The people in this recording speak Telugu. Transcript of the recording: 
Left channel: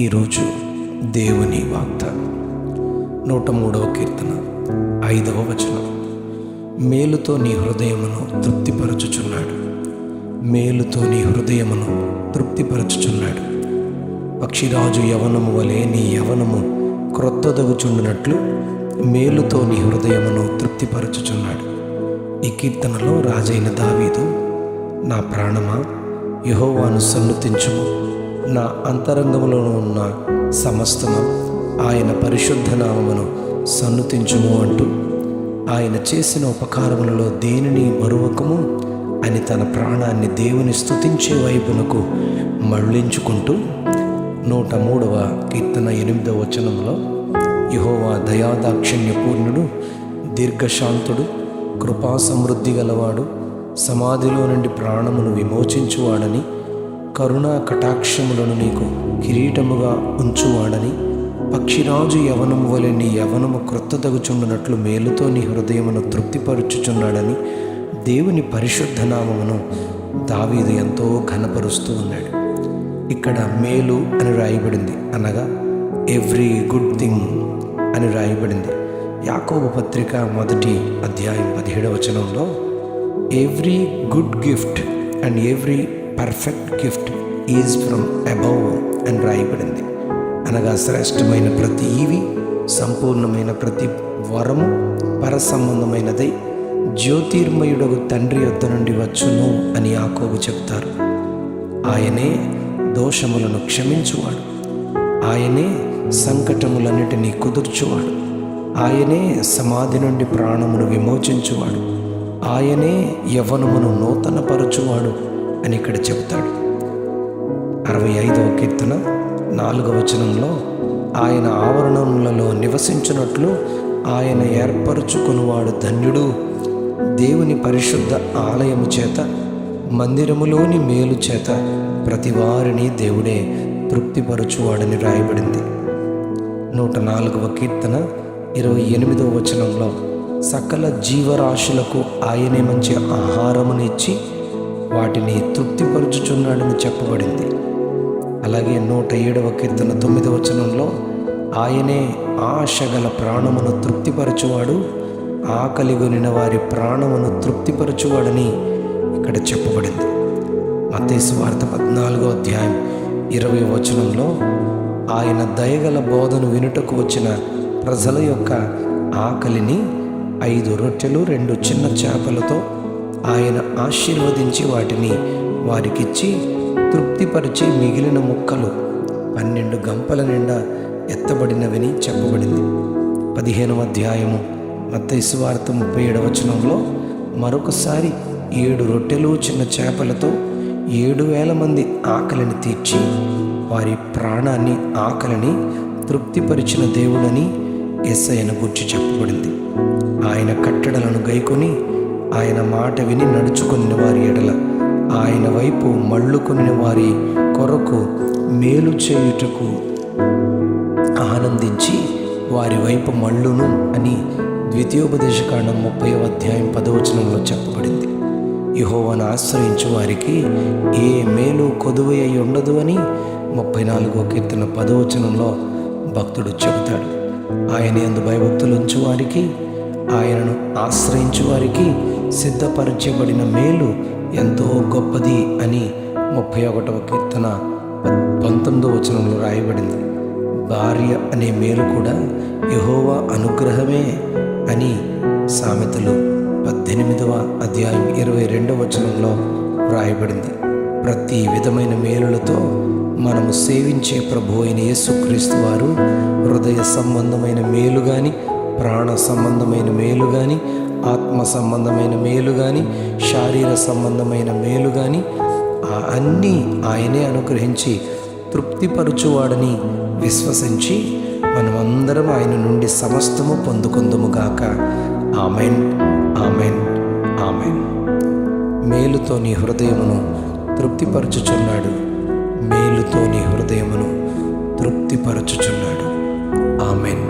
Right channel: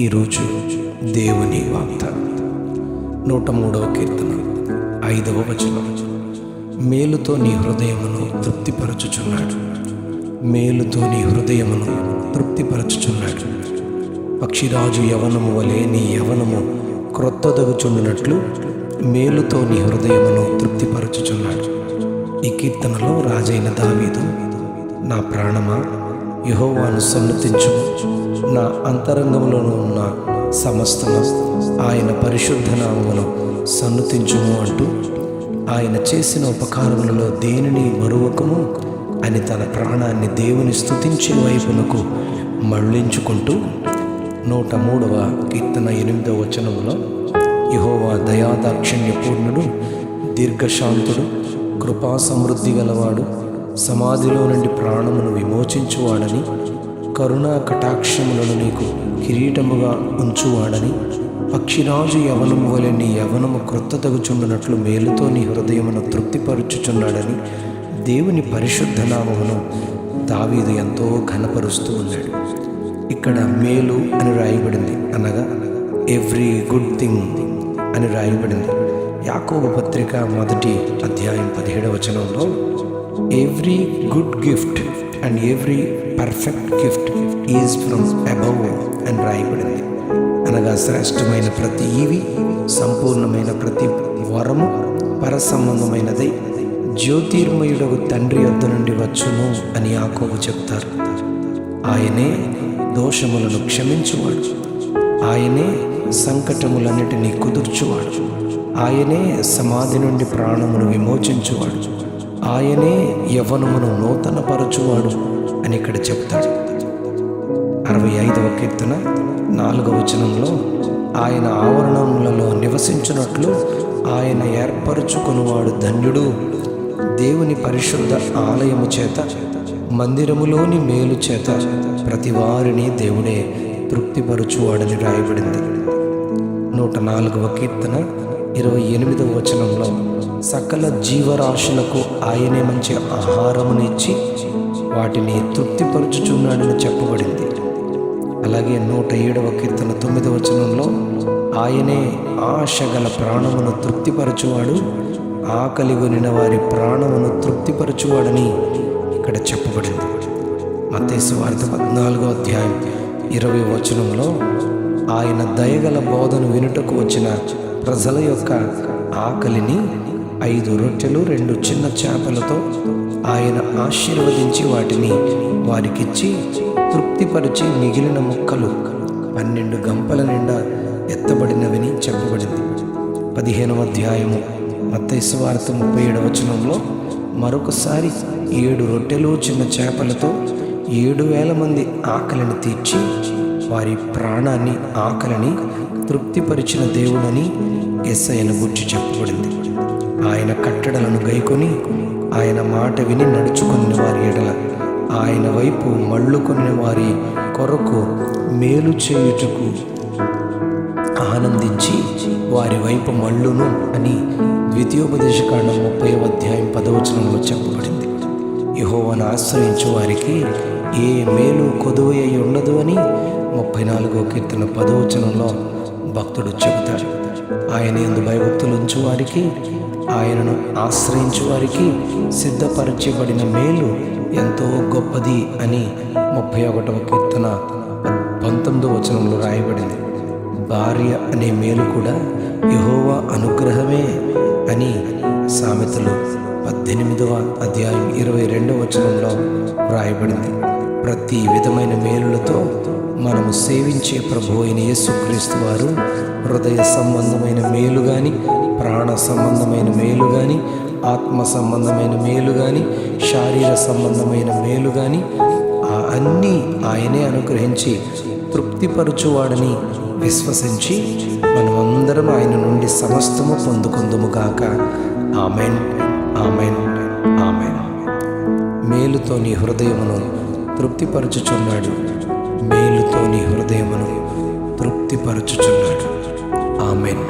ఈరోజు దేవుని వాగ్దానం 103వ కీర్తన 5వ వచనం. మేలుతో నీ హృదయమును తృప్తిపరచుచున్నాడు, మేలుతో నీ హృదయమును తృప్తిపరచుచున్నాడు. పక్షిరాజు యవనము వలె నీ యవనము క్రొత్తదగుచుండునట్లు మేలుతో నీ హృదయమును తృప్తిపరచుచున్నాడు. ఈ కీర్తనలో రాజైన దావీదు, నా ప్రాణమా యెహోవాను సన్నుతించుము, నా అంతరంగములోను ఉన్న సమస్తము ఆయన పరిశుద్ధ నామమును సన్నుతించుము అంటూ ఆయన చేసిన ఉపకారములలో దేనిని మరువకము అని తన ప్రాణాన్ని దేవుని స్తుతించే వైపునకు మళ్ళించుకుంటూ 103వ కీర్తన 8వ వచనంలో, యెహోవా దయాదాక్షిణ్యపూర్ణుడు, దీర్ఘశాంతుడు, కృపా సమృద్ధి గలవాడు, సమాధిలో నుండి ప్రాణమును విమోచించువాడని, కరుణా కటాక్షములను నీకు కిరీటముగా ఉంచువాడని, పక్షిరాజు యవనము వలె నీ యవనము క్రొత్తదగుచుండునట్లు మేలుతో నీ హృదయమును తృప్తిపరుచుచున్నాడని దేవుని పరిశుద్ధ నామమును దావీదు ఎంతో ఘనపరుస్తూ ఉన్నాడు. ఇక్కడ మేలు అని రాయబడింది, అనగా ఎవ్రీ గుడ్ థింగ్ అని రాయబడింది. యాకోబు పత్రిక 1వ అధ్యాయం 17వ వచనంలో every good gift and every perfect gift is from above అని రాయబడింది. అనగా శ్రేష్టమైన ప్రతి ఈవి, సంపూర్ణమైన ప్రతి వరము పరసంబంధమైనదై జ్యోతిర్మయుడగు తండ్రి యొద్ద నుండి వచ్చును అని యాకోబు చెప్తారు. ఆయనే దోషములను క్షమించువాడు, ఆయనే సంకటములన్నిటినీ కుదుర్చువాడు, ఆయనే సమాధి నుండి ప్రాణమును విమోచించువాడు, ఆయనే యవ్వనమును నూతనపరచువాడు అని ఇక్కడ చెప్తాడు. 65వ కీర్తన 4వ వచనంలో, ఆయన ఆవరణములలో నివసించున్నట్లు ఆయన ఏర్పరచుకొనువాడు ధన్యుడు, దేవుని పరిశుద్ధ ఆలయము చేత మందిరములోని మేలు చేత ప్రతి వారిని దేవుడే తృప్తిపరచువాడని రాయబడింది. 104వ కీర్తన 28వ వచనంలో, సకల జీవరాశులకు ఆయనే మంచి ఆహారమును ఇచ్చి వాటిని తృప్తిపరచుచున్నాడని చెప్పబడింది. అలాగే 107వ కీర్తన 9వ వచనంలో, ఆయనే ఆశగల ప్రాణమును తృప్తిపరచువాడు, ఆకలిగొనిన వారి ప్రాణమును తృప్తిపరచువాడని ఇక్కడ చెప్పబడింది. మత్తయి సువార్త 14వ అధ్యాయం 20వ వచనంలో, ఆయన దయగల బోధను వినుటకు వచ్చిన ప్రజల యొక్క ఆకలిని 5 రొట్టెలు 2 చిన్న చేపలతో ఆయన ఆశీర్వదించి వాటిని వారికిచ్చి తృప్తిపరిచి మిగిలిన ముక్కలు 12 గంపల నిండా ఎత్తబడినవని చెప్పబడింది. 15వ అధ్యాయము మత్తయి సువార్త 37వ వచనంలో, మరొకసారి 7 రొట్టెలు చిన్న చేపలతో 7,000 మంది ఆకలిని తీర్చి వారి ప్రాణాన్ని ఆకలిని తృప్తిపరిచిన దేవుడని యేసయ్యను గూర్చి చెప్పబడింది. ఆయన కట్టడలను గైకొని ఆయన మాట విని నడుచుకుని వారి ఎడల ఆయన వైపు మళ్ళుకొని వారి కొరకు మేలు చేయుటకు ఆనందించి వారి వైపు మళ్ళును అని ద్వితీయోపదేశకాండం 30వ అధ్యాయం 10వ వచనంలో చెప్పబడింది. యెహోవాను ఆశ్రయించు వారికి ఏ మేలు కొదువై ఉండదు అని 34వ కీర్తన 10వ వచనంలో భక్తుడు చెబుతాడు. ఆయన యందు భయభక్తులు ఉంచు వారికి, ఆయనను ఆశ్రయించు వారికి సిద్ధపరచబడిన మేలు ఎంతో గొప్పది అని 31వ కీర్తన 19వ వచనంలో రాయబడింది. భార్య అనే మేలు కూడా యెహోవా అనుగ్రహమే అని సామెతలు 18వ అధ్యాయం 22వ వచనంలో రాయబడింది. ప్రతి విధమైన మేలులతో మనము సేవించే ప్రభు అయిన యేసుక్రీస్తు వారు హృదయ సంబంధమైన మేలు కానీ, ప్రాణ సంబంధమైన మేలు కానీ, ఆత్మ సంబంధమైన మేలు కానీ, శారీర సంబంధమైన మేలు కానీ అన్నీ ఆయనే అనుగ్రహించి తృప్తిపరచువాడని విశ్వసించి మనమందరం ఆయన నుండి సమస్తము పొందుకుందుముగాక. Amen, amen, amen. మేలుతో నీ హృదయమును తృప్తిపరచుచున్నాడు, మేలుతో నీ హృదయమును తృప్తిపరచుచున్నాడు. ఆమెన్.